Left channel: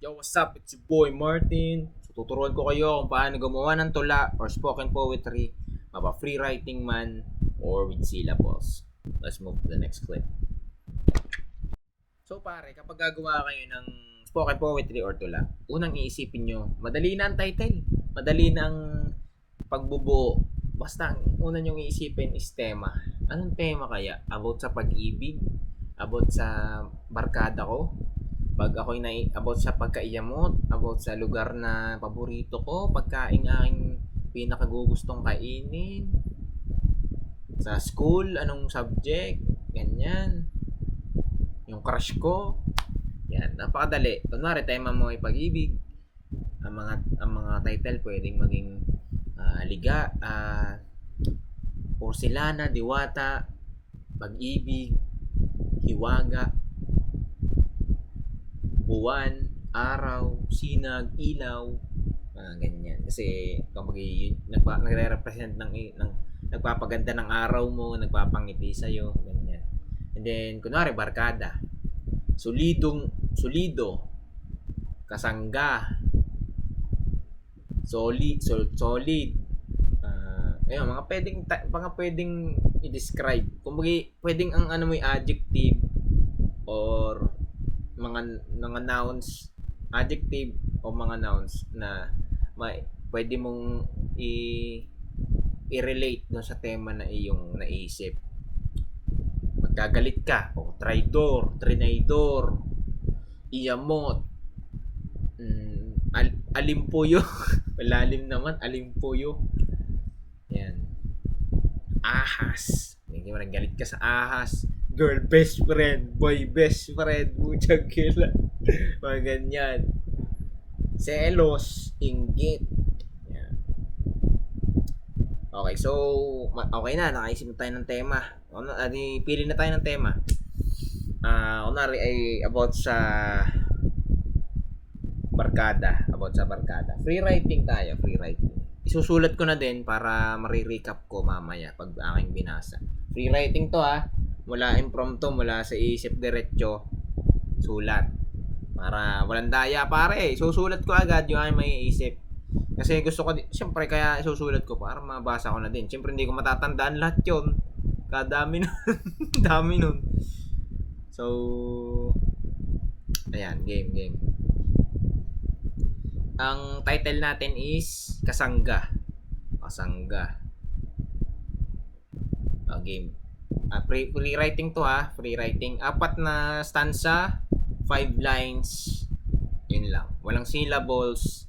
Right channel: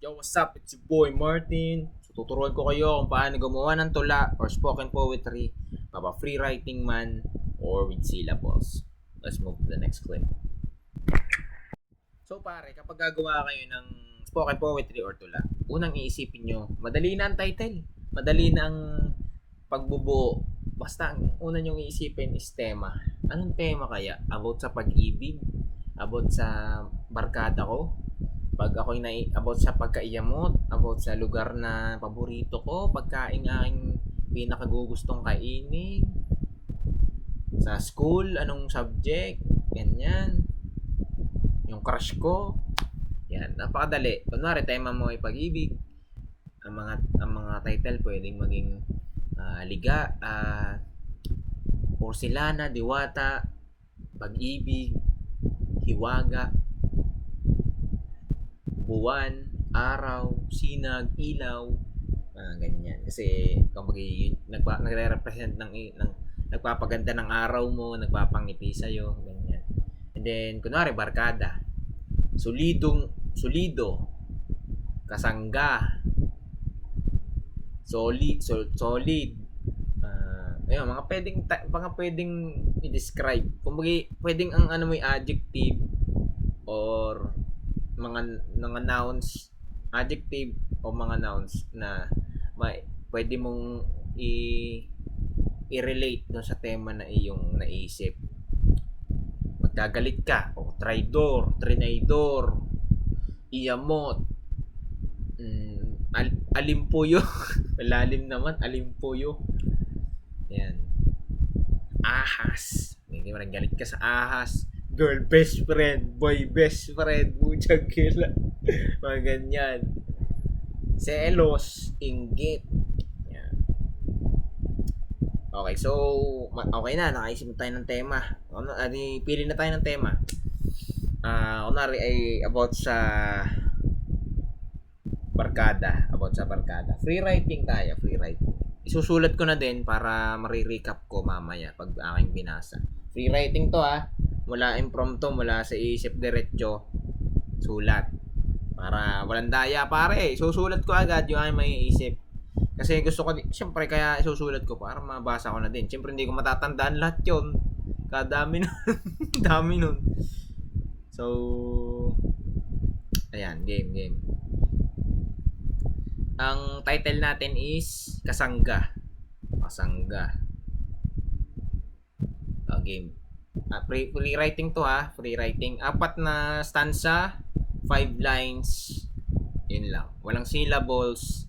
Yo, what's up? It's your boy Martin. So, tuturuan ko kayo kung paano gumawa ng tula or spoken poetry, mapa-free writing man, or with syllables. Let's move to the next clip. So pare, kapag gagawa kayo ng spoken poetry or tula, unang iisipin nyo, madali na ang title. Madali na ang pagbubuo. Basta ang una nyong iisipin is tema. Anong tema kaya? About sa pag-ibig? About sa barkada ko? Pag ako'y about sa pagkaiyamot, about sa lugar na paborito ko, pagkain aking pinakagugustong kainin, sa school, anong subject, ganyan, yung crush ko, yan, napakadali. Kunwari, tema mo ay pag-ibig, ang mga title pwedeng maging liga, porcelana, diwata, pag-ibig, hiwaga, buwan, araw, sinag, ilaw, ganyan. Kasi kapag nagre-represent ng nagpapaganda ng araw mo, nagpapangiti sa'yo, ganyan. And then, kunwari, barkada. Solido, kasangga, solid, ayun, mga pwedeng i-describe. Kumbaga, pwedeng ang ano mo yung adjective or mga nouns, adjective o mga nouns na pwede mong i-relate doon sa tema na iyong naisip. Magkagalit ka, o traidor, trinidor, iyamot, alimpuyo, malalim naman, alimpuyo. Yan. Ahas. Hindi mo galit ka sa ahas. Girl best friend, boy best friend, butchag kila. Mga ganyan. Selos, inggit. Yan. Okay, so okay na, nakaisip na tayo ng tema. Pili na tayo ng tema. Kunwari ay about sa barkada. Free writing tayo, free writing. Isusulat ko na din para marirecap ko mamaya pag aking binasa. Free writing to mula impromptu, mula sa isip diretso, sulat. Para walang daya pare, susulat ko agad yung aking maiisip. Kasi gusto ko, siyempre kaya isusulat ko para mabasa ko na din. Siyempre hindi ko matatandaan lahat yun. Kadami nun. Dami nun. So, ayan, game. Ang title natin is Kasangga. Game. Free writing to free writing. 4 na stanza, 5 lines. Yun lang. Walang syllables.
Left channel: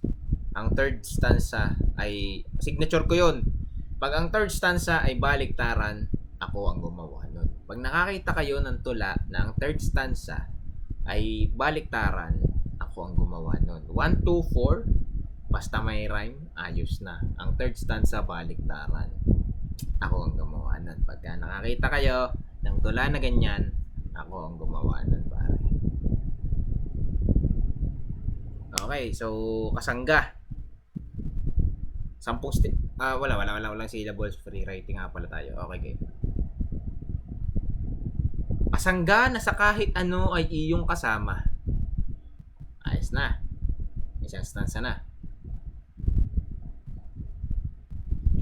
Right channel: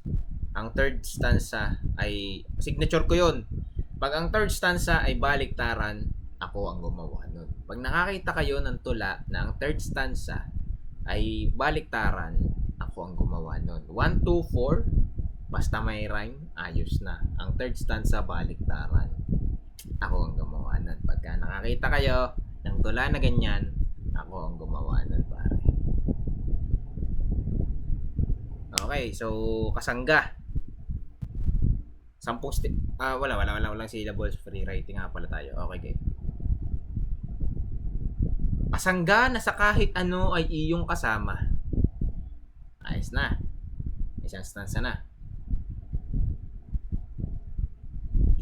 Ang third stanza ay signature ko yun. Pag ang third stanza ay baliktaran, ako ang gumawa nun. Pag nakakita kayo ng tula na ang third stanza ay baliktaran, ako ang gumawa nun. 1, 2, 4, basta may rhyme, ayos na. Ang third stanza, baliktaran. Ako ang gumawa nun. Pagka nakakita kayo ng tula na ganyan, ako ang gumawa nun, pare. Okay, so kasangga. Walang syllables, free writing nga pala tayo. Okay, game. Kasangga na sa kahit ano ay iyong kasama. Ayos na. Isang stanza na.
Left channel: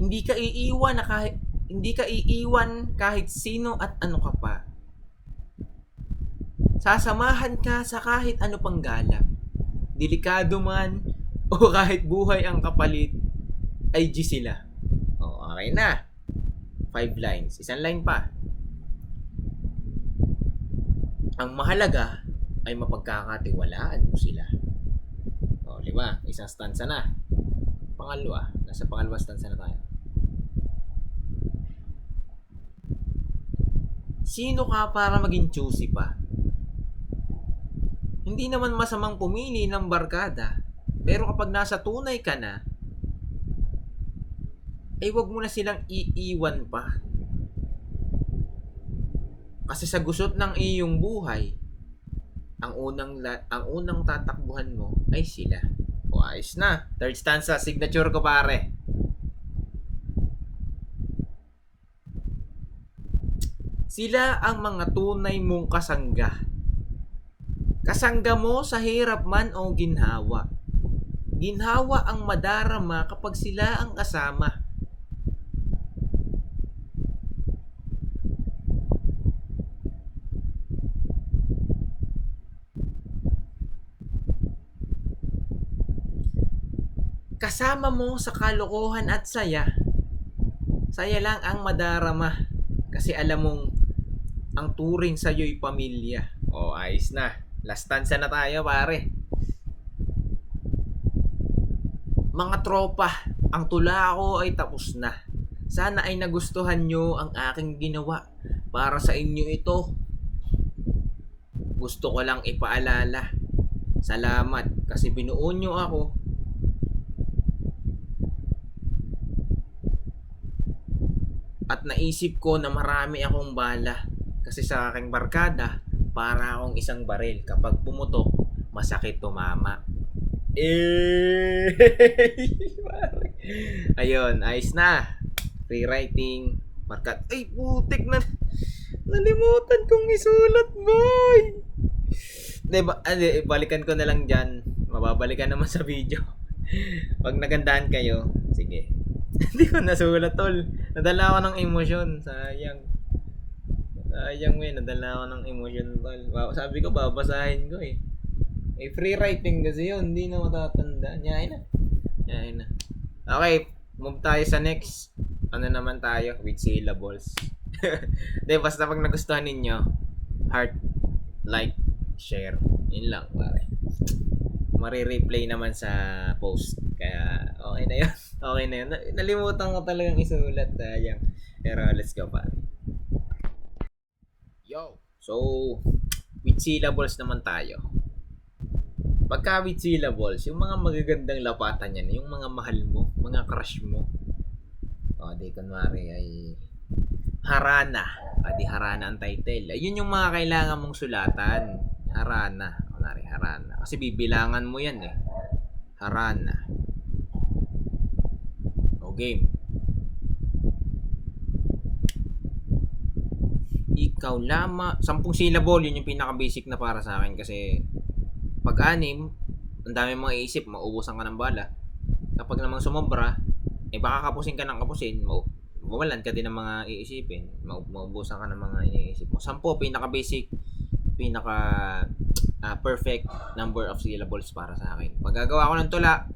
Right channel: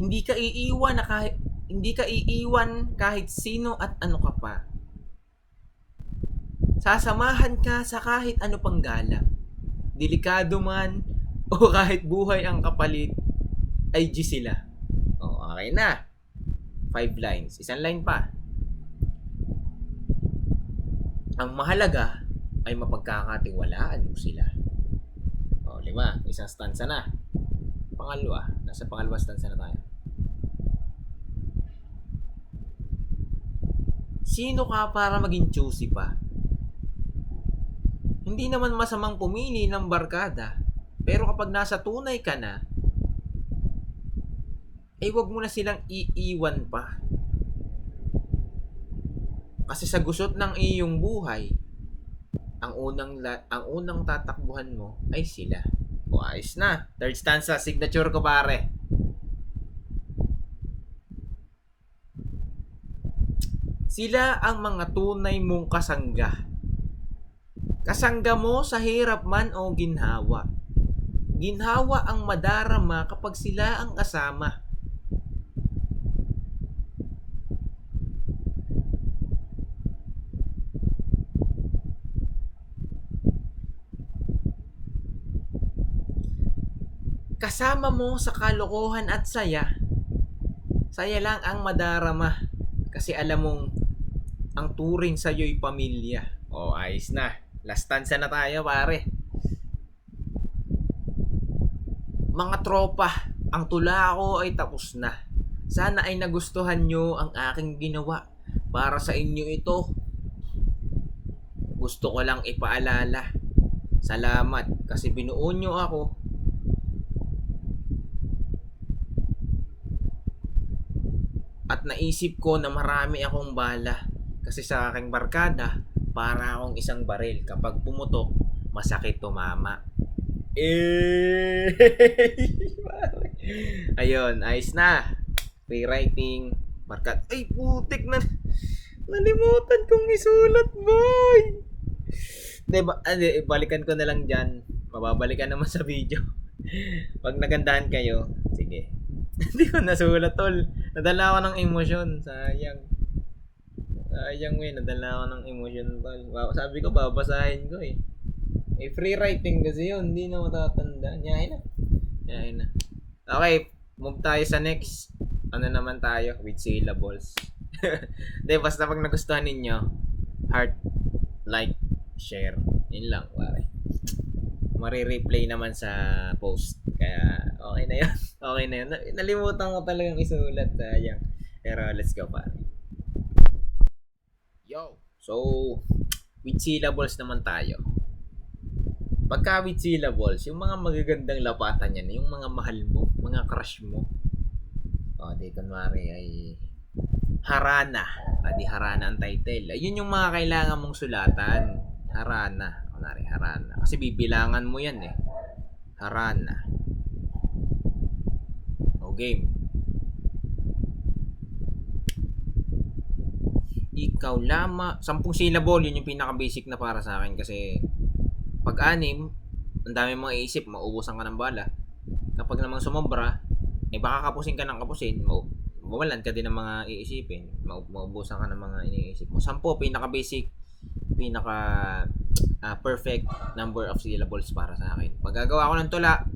Hindi ka iiwan kahit sino at ano ka pa. Sasamahan ka sa kahit ano pang gala. Delikado man o kahit buhay ang kapalit, ay G sila. Okay na. 5 lines. Isang line pa. Ang mahalaga ay mapagkakatiwalaan mo sila. 5. Isang stanza na. Pangalawa. Nasa pangalawa stanza na tayo. Sino ka para maging choosy pa? Hindi naman masamang pumili ng barkada. Pero kapag nasa tunay ka na, ay wag mo na silang iiwan pa. Kasi sa gusot ng iyong buhay, ang unang tatakbuhan mo ay sila. Ayos na. Third stanza, signature ko pare. Sila ang mga tunay mong kasangga. Kasangga mo sa hirap man o ginhawa. Ginhawa ang madarama kapag sila ang kasama. Kasama mo sa kalokohan at saya. Saya lang ang madarama. Kasi alam mong ang turing sa'yo'y pamilya. O, ayos na. Last stanza na tayo, pare. Mga tropa, ang tula ko ay tapos na. Sana ay nagustuhan nyo ang aking ginawa. Para sa inyo ito. Gusto ko lang ipaalala. Salamat kasi binuo nyo ako. At naisip ko na marami akong bala. Kasi sa aking barkada, para akong isang baril. Kapag pumutok, masakit tumama. Ayun, ayos na. Rewriting. Markat. Ay, putik na. Nalimutan kong isulat, boy. Diba, balikan ko na lang dyan. Mababalikan naman sa video. Pag nagandahan kayo, sige. Hindi ko nasulat, tol. Nadala ako ng emosyon. Sayang. Sayang, nadala ako ng emosyon, tol. Sabi ko, babasahin ko eh. Free writing kasi yun. Hindi na matatanda. Nyahin na. Okay, move tayo sa next. Ano naman tayo? With syllables. Hindi, basta pag nagustuhan ninyo, heart, like, share. Yun lang, pare. Mari-replay naman sa post. Kaya, okay na yun. Okay na yun. Nalimutan ko talagang isulat. Sayang. Pero, let's go, pare. Yo! So, with syllables naman tayo. Pagka with syllables, yung mga magagandang lapatan yan, yung mga mahal mo, mga crush mo. O, di kunwari ay Harana. Di Harana ang title. Yun yung mga kailangan mong sulatan. Harana. Kunwari, Harana. Kasi bibilangan mo yan eh. Harana. O, game. Ikaw lama. 10 syllable, yun yung pinaka-basic na para sa akin kasi pag-anim, ang dami mga iisip, mauubusan ka ng bala. Kapag namang sumobra, baka kapusin ka ng kapusin, mawalan ka din ng mga iisipin, maubusan ka ng mga iniisip mo. 10, pinaka-basic, perfect number of syllables para sa akin. Pag gagawa ko ng tula,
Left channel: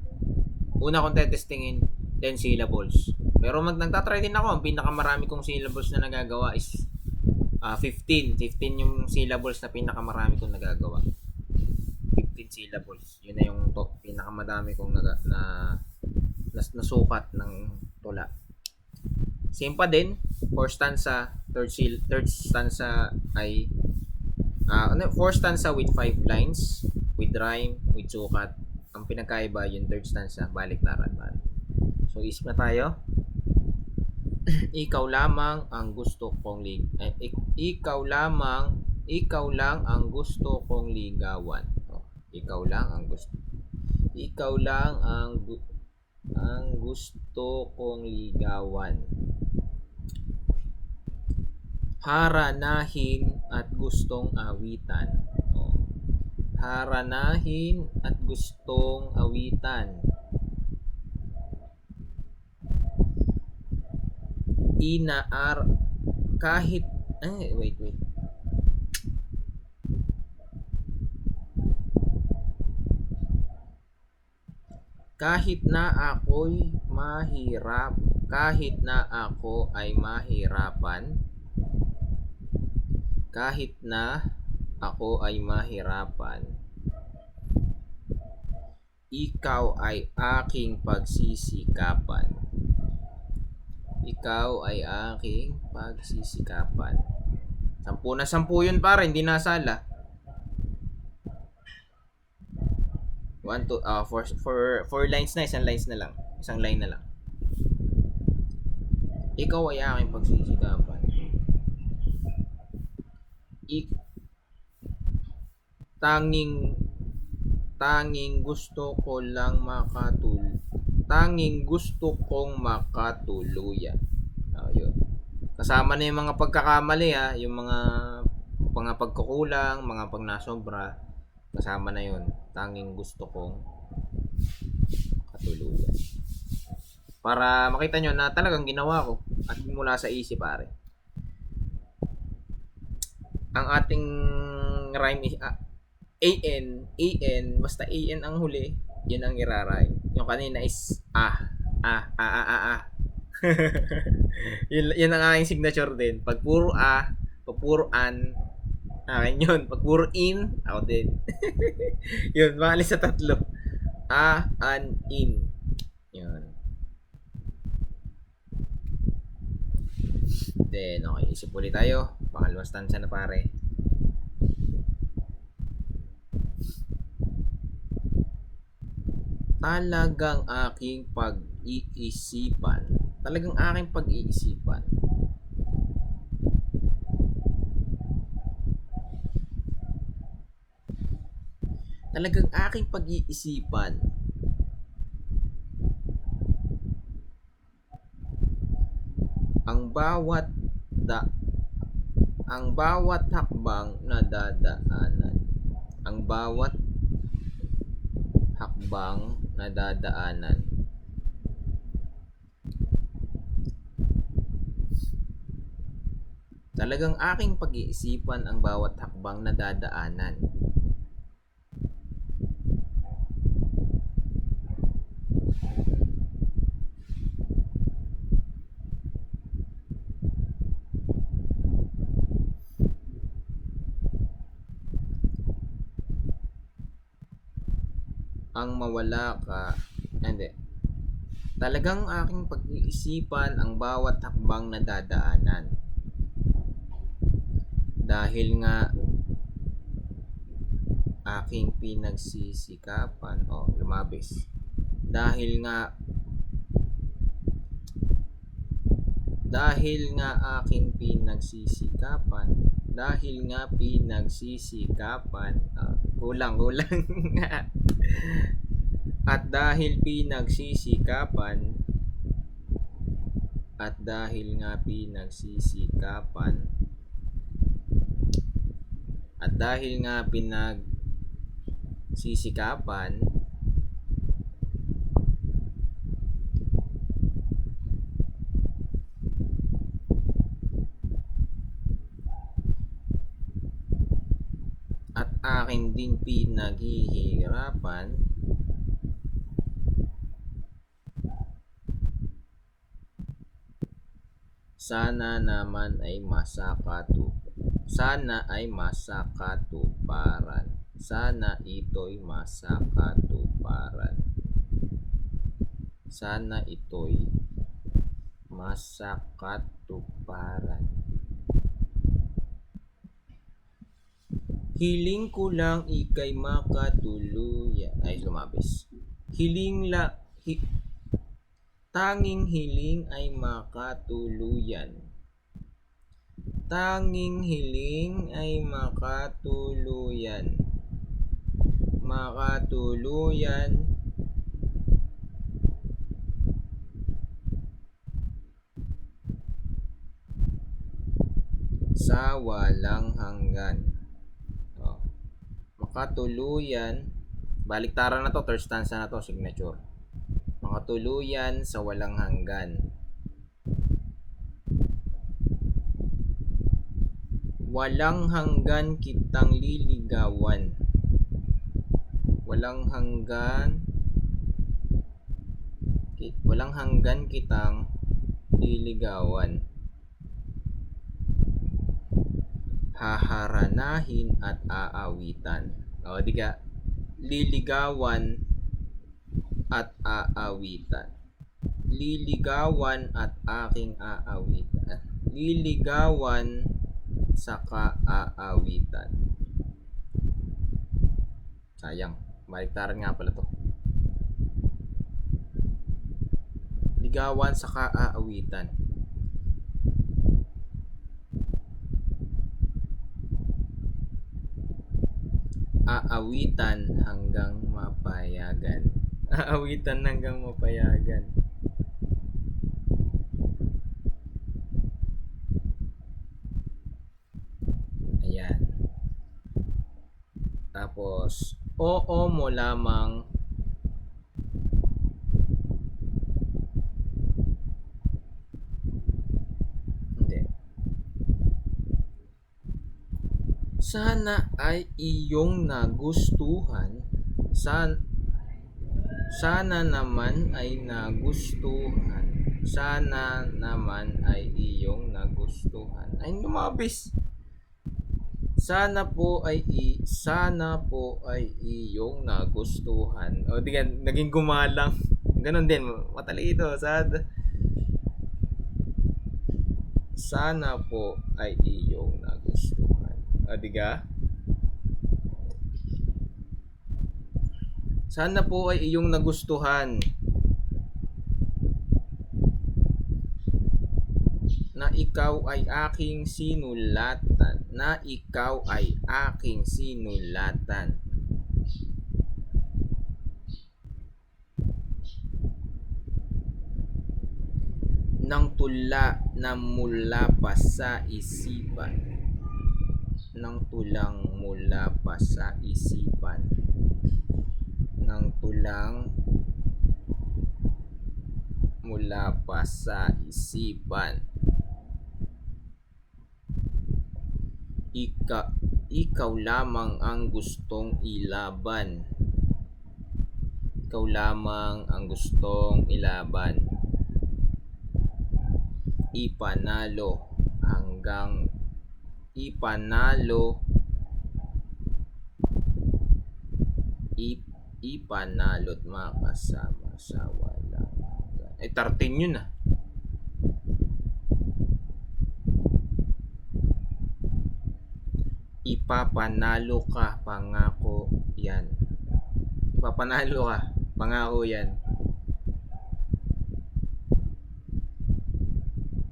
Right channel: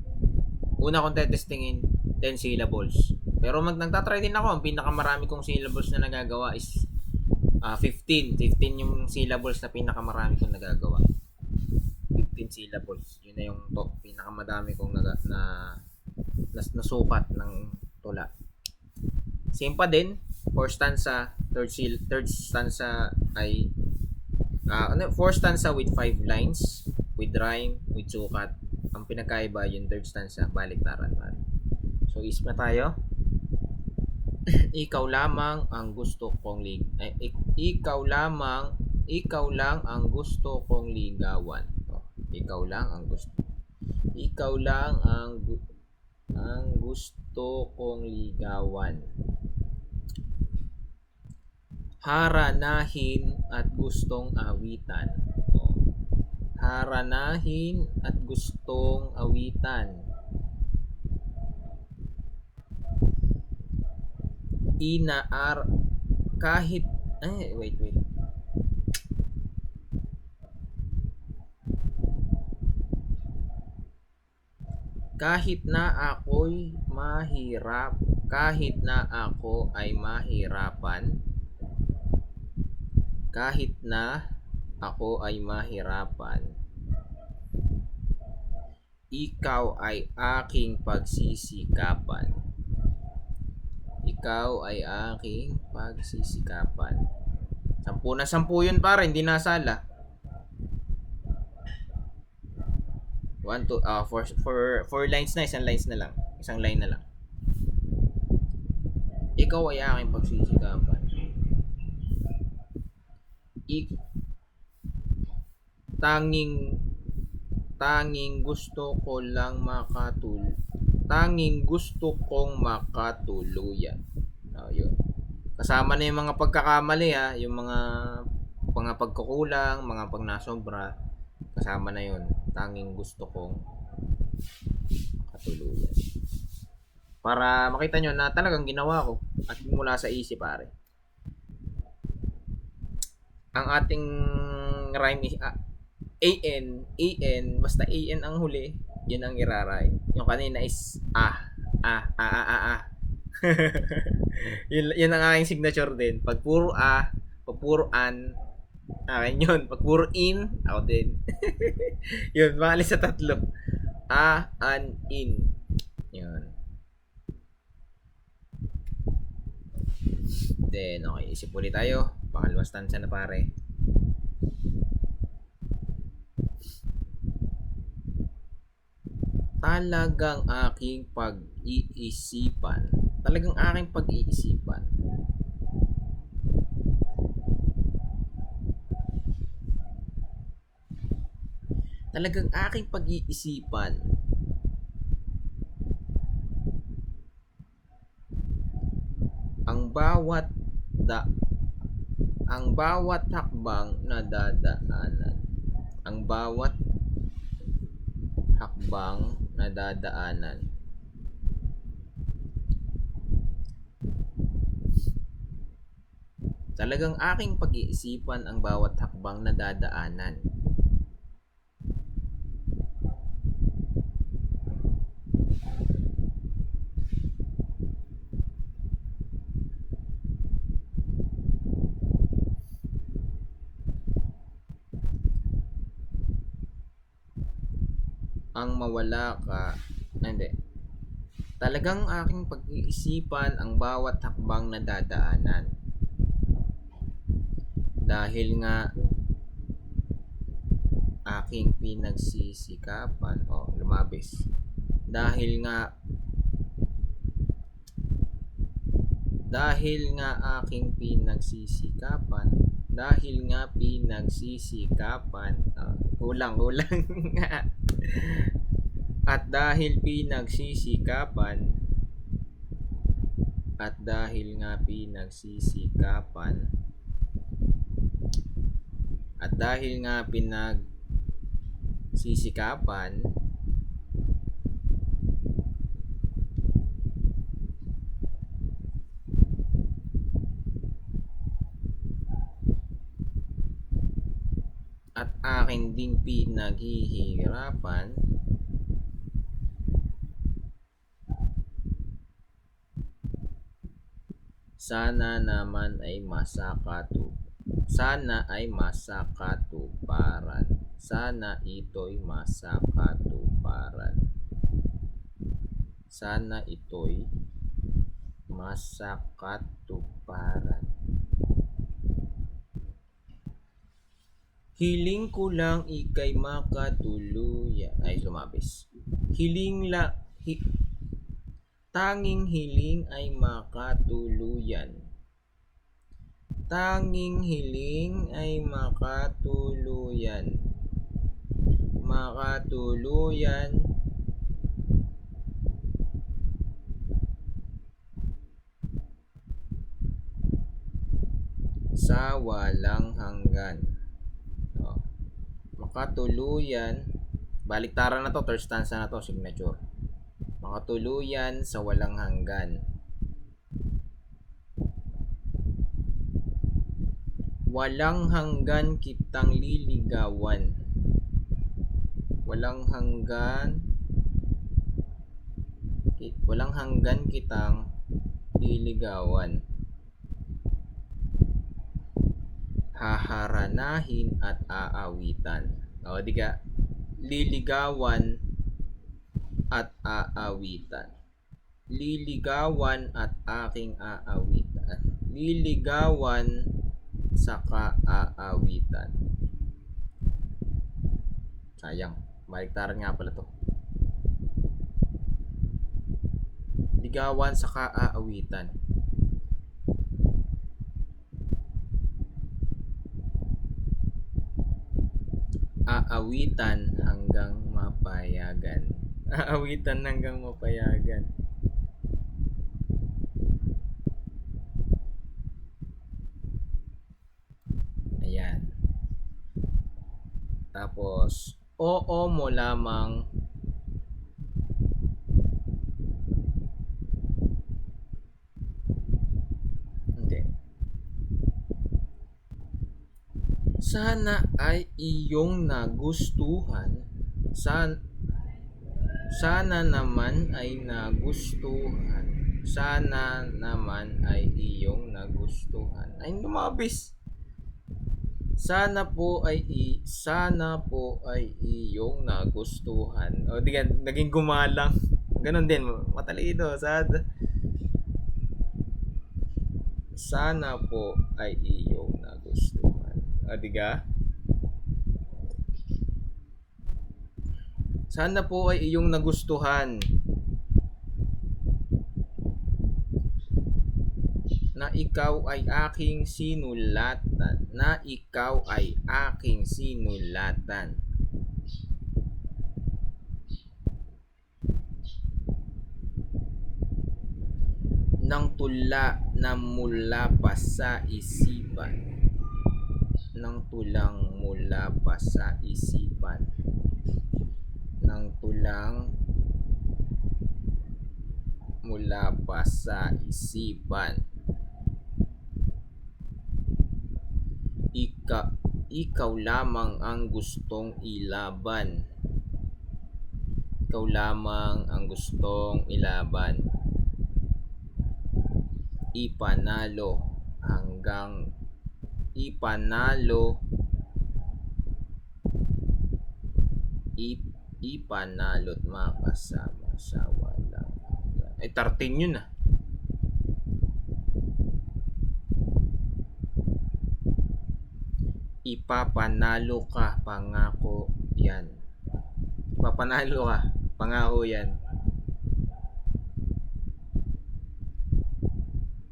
una kong tetestingin, 10 syllables. Pero nagtatry din ako, ang pinakamarami kong syllables na nagagawa is 15. 15 yung syllables na pinakamarami kong nagagawa. 15 syllables. Yun na yung pinakamadami kong nasukat ng tula. Same pa din. 4 stanza, third stanza ay 4 stanza with 5 lines, with rhyme, with sukat. Ang pinakaiba yung third stanza, baliktaran. So, isip na tayo. Ikaw lamang ang gusto kong ikaw lang ang gusto kong ligawan. Ikaw lang ang gusto kong ligawan. Haranahin at gustong awitan. Haranahin at gustong awitan. Kahit wait. Kahit na ako ay mahirapan, ikaw ay aking pagsisikapan. 10 na 10 yun, para hindi nasala. 1, 2, 4 lines na, isang line na lang. Ikaw ay aking pagsisikapan. Tanging gusto kong makatuluyan. Yun. Kasama na yung mga pagkakamali, yung mga pagkukulang, mga pagnasobra. Kasama na yun. Tanging gusto kong katuluyan. Para makita nyo na talagang ginawa ko at mula sa isip, pare. Ang ating rhyme is AN, basta AN ang huli, yun ang iraray. Yung kanina is ah. Yun ang aking signature din. Pag puro pag puro akin yun. Pag puro in, ako din. Yun, maalis sa tatlo. An, in. Yun. Then, okay, isip ulit tayo. Pangalawang stanza na, pare. Talagang aking pag-iisipan. Talagang aking pag-iisipan. Talagang aking pag-iisipan. Ang bawat hakbang na dadaanan. Ang bawat hakbang na dadaanan. Talagang aking pag-iisipan ang bawat hakbang na dadaanan. Ang mawala ka, hindi. Talagang aking pag-iisipan ang bawat hakbang na dadaanan. Dahil nga aking pinagsisikapan, lumabis. Dahil nga aking pinagsisikapan, kulang at dahil pinagsisikapan, at dahil nga pinagsisikapan, at akin ding pinaghihirapan, sana naman ay masakatuparan. Sana ito'y masakatuparan. Sana ito'y masakatuparan. Hiling ko lang ika'y makatuluyan. Ay, lumabis. Tanging hiling ay makatuluyan. Tanging hiling ay makatuluyan. Sa walang hanggan. Makatuluyan, baliktaran na to, third stanza na to, signature. Makatuluyan sa walang hanggan. Walang hanggan kitang liligawan. Walang hanggan kitang liligawan. Haharanahin at aawitan. Di ka? Liligawan at aawitan. Liligawan at aking aawitan. Liligawan saka aawitan. Sayang, baliktaran nga pala to. Ligawan saka aawitan. Aawitan hanggang mapayagan. Aawitan hanggang mapayagan. Ayan. Tapos, oo mo lamang hindi. Sana ay iyong nagustuhan. Sana naman ay nagustuhan. Sana naman ay iyong nagustuhan. Ay, lumabis. Sana po ay iyong nagustuhan. O di ka, naging gumalang. Ganon din, matalino. Sana po ay iyong nagustuhan. O di ka? Sana po ay iyong nagustuhan. Na ikaw ay aking sinulatan. Na ikaw ay aking sinulatan. Nang tula na mula pa sa isipan. Nang tulang mula pa sa isipan. Nang tulang mula pa sa isipan. Ikaw lamang ang gustong ilaban. Ikaw lamang ang gustong ilaban. Ipanalo ipanalo't makasama sa walang hanggan. Ay, 13 yun ah. Ipapanalo ka, pangako yan. Ipapanalo ka, pangako yan.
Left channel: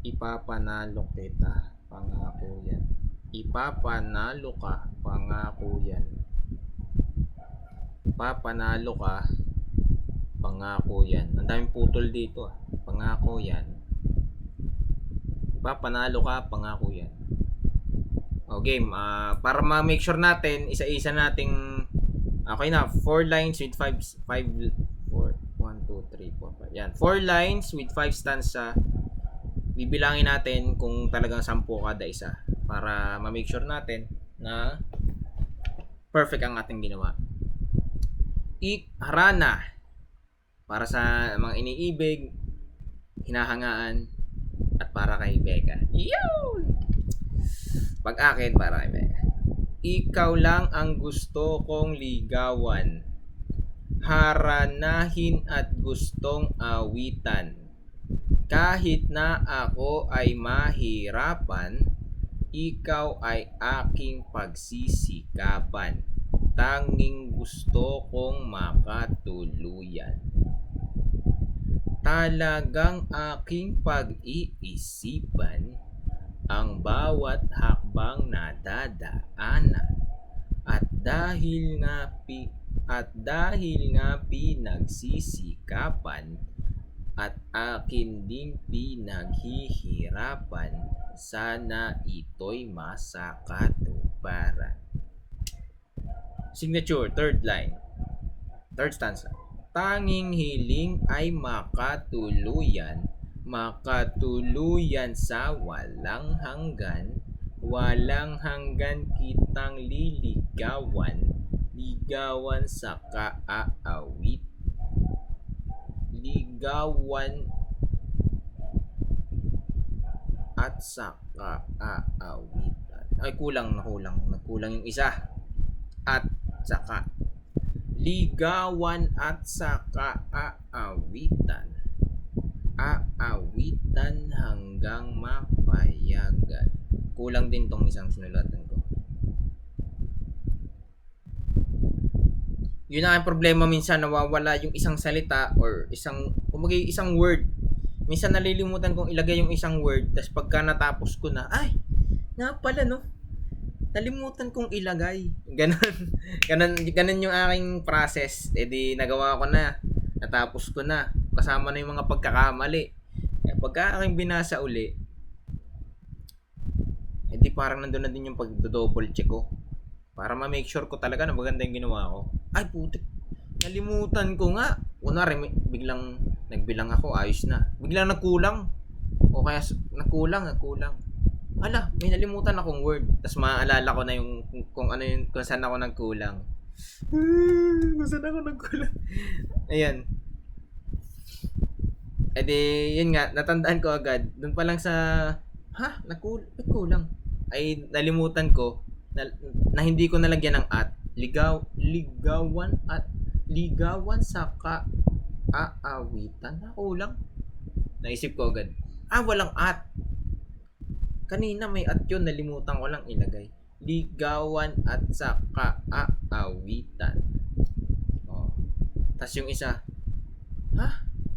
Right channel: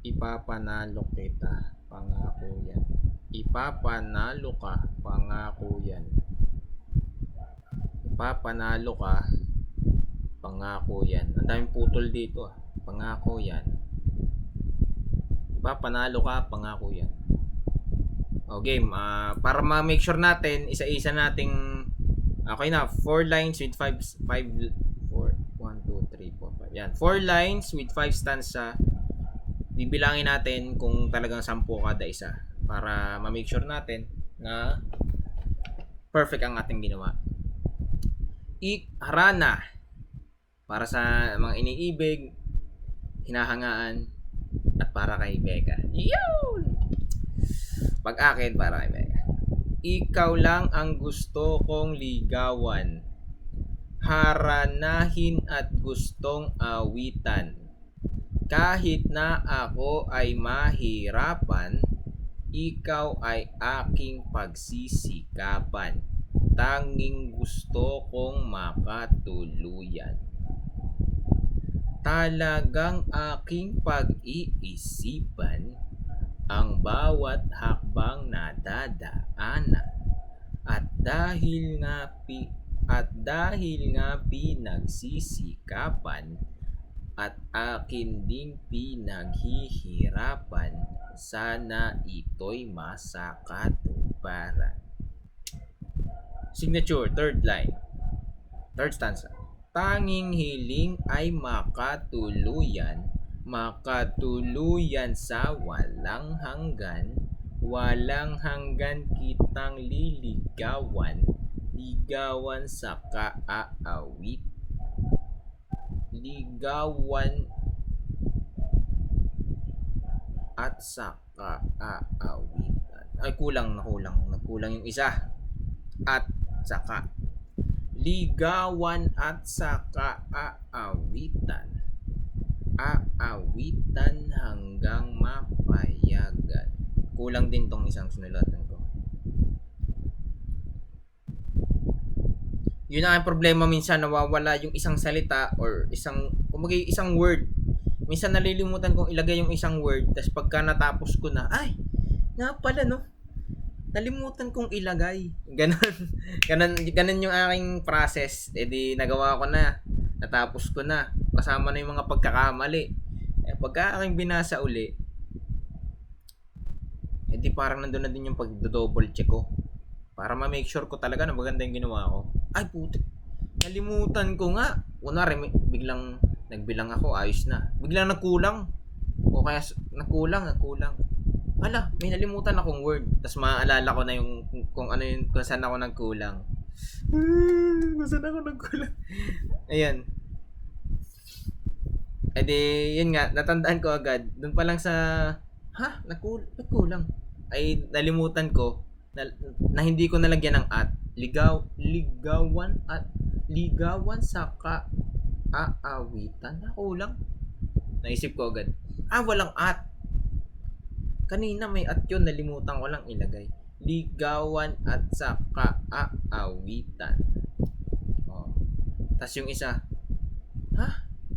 Ipapanalo kita, pangako yan. Ipapanalo ka, pangako yan. Ipapanalo ka, pangako yan. Ang daming putol dito ah. Pangako yan. Ipapanalo ka, pangako yan. O game, para ma-make sure natin, isa-isa nating okay na, 4 lines with 1, 2, 3, 4, 5. Yan, 4 lines with 5 stanza. Bibilangin natin kung talagang 10 kada isa para ma-make sure natin na perfect ang ating ginawa. Harana para sa mga iniibig, hinahangaan, at para kay Becca. Yun! Pag-akin para kay Becca. Ikaw lang ang gusto kong ligawan, haranahin at gustong awitan. Kahit na ako ay mahirapan, ikaw ay aking pagsisikapan. Tanging gusto kong makatuluyan. Talagang aking pag-iisipan ang bawat hakbang nadadaanan. At dahil nga pinagsisikapan at akin ding pinaghihirapan, sana ito'y masakatuparan. Signature, third line, third stanza. Tanging hiling ay makatuluyan sa walang hanggan. Walang hanggan kitang liligawan sa kaaawit. Ligawan at sa kaawitan. Ay, nagkulang yung isa. At saka ligawan at saka aawitan hanggang mapayagan. Kulang din tong isang sinulatan ko. Yun ang problema, minsan nawawala yung isang salita or isang word. Minsan nalilimutan kong ilagay yung isang word, tapos pagka natapos ko na, ay, nga pala no, nalimutan kong ilagay. Ganon yung aking process. E di nagawa ko na. Natapos ko na. Kasama na yung mga pagkakamali. Pagka aking binasa uli, e di parang nandun na din yung pag-double check ko. Para ma-make sure ko talaga na maganda yung ginawa ko. Ay, putik. Nalimutan ko nga. Kunwari, biglang nagbilang ako, ayos na. Biglang nagkulang. O kaya nagkulang. Hala, may nalimutan akong word. Tapos maaalala ko na yung kung ano yung kung saan ako nagkulang. Kung saan ako nagkulang. Ayan. E di, yun nga, natandaan ko agad. Doon pa lang sa, nagkulang. Ay, nalimutan ko na hindi ko nalagyan ng at. Ligawan saka aawitan. Nakulang. Naisip ko agad. Walang at. Kanina may at yun, nalimutan ko lang ilagay. Ligawan at saka aawitan. Oh. Tas yung isa,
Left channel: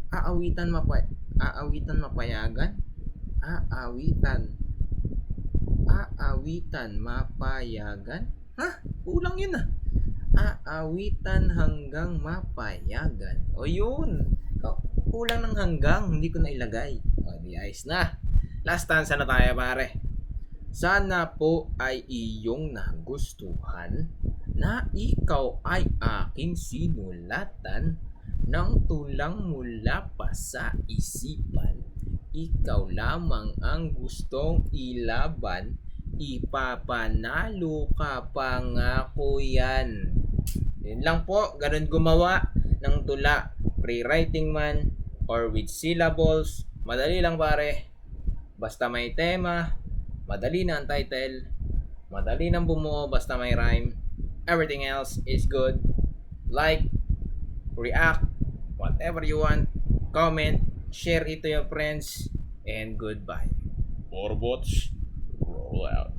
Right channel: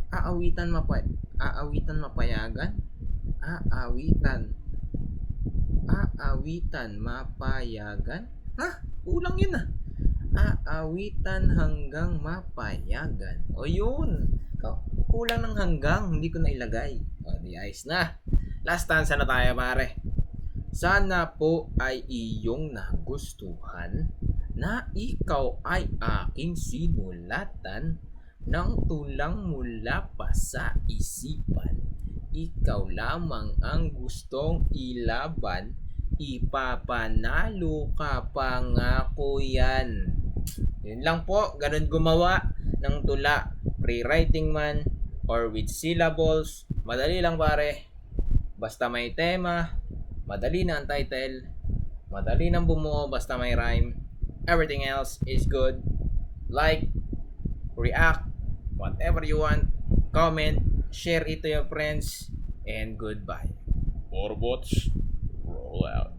aawitan mapayagan? Aawitan mapayagan? Kulang yun ah. Aawitan hanggang mapayagan. O yun. Kulang ng hanggang, hindi ko na ilagay. O di ayos na. Last stanza na tayo pare. Sana po ay iyong nagustuhan na ikaw ay aking sinulatan ng tulang mula pa sa isipan. Ikaw lamang ang gustong ilaban, ipapanalo ka pangako yan. Yun lang po, ganun gumawa ng tula, pre-writing man or with syllables. Madali lang pare. Basta may tema, madali na ang title, madali nang bumuo basta may rhyme. Everything else is good. Like, react, whatever you want, comment, share it to your friends, and goodbye. Motorbots, roll out.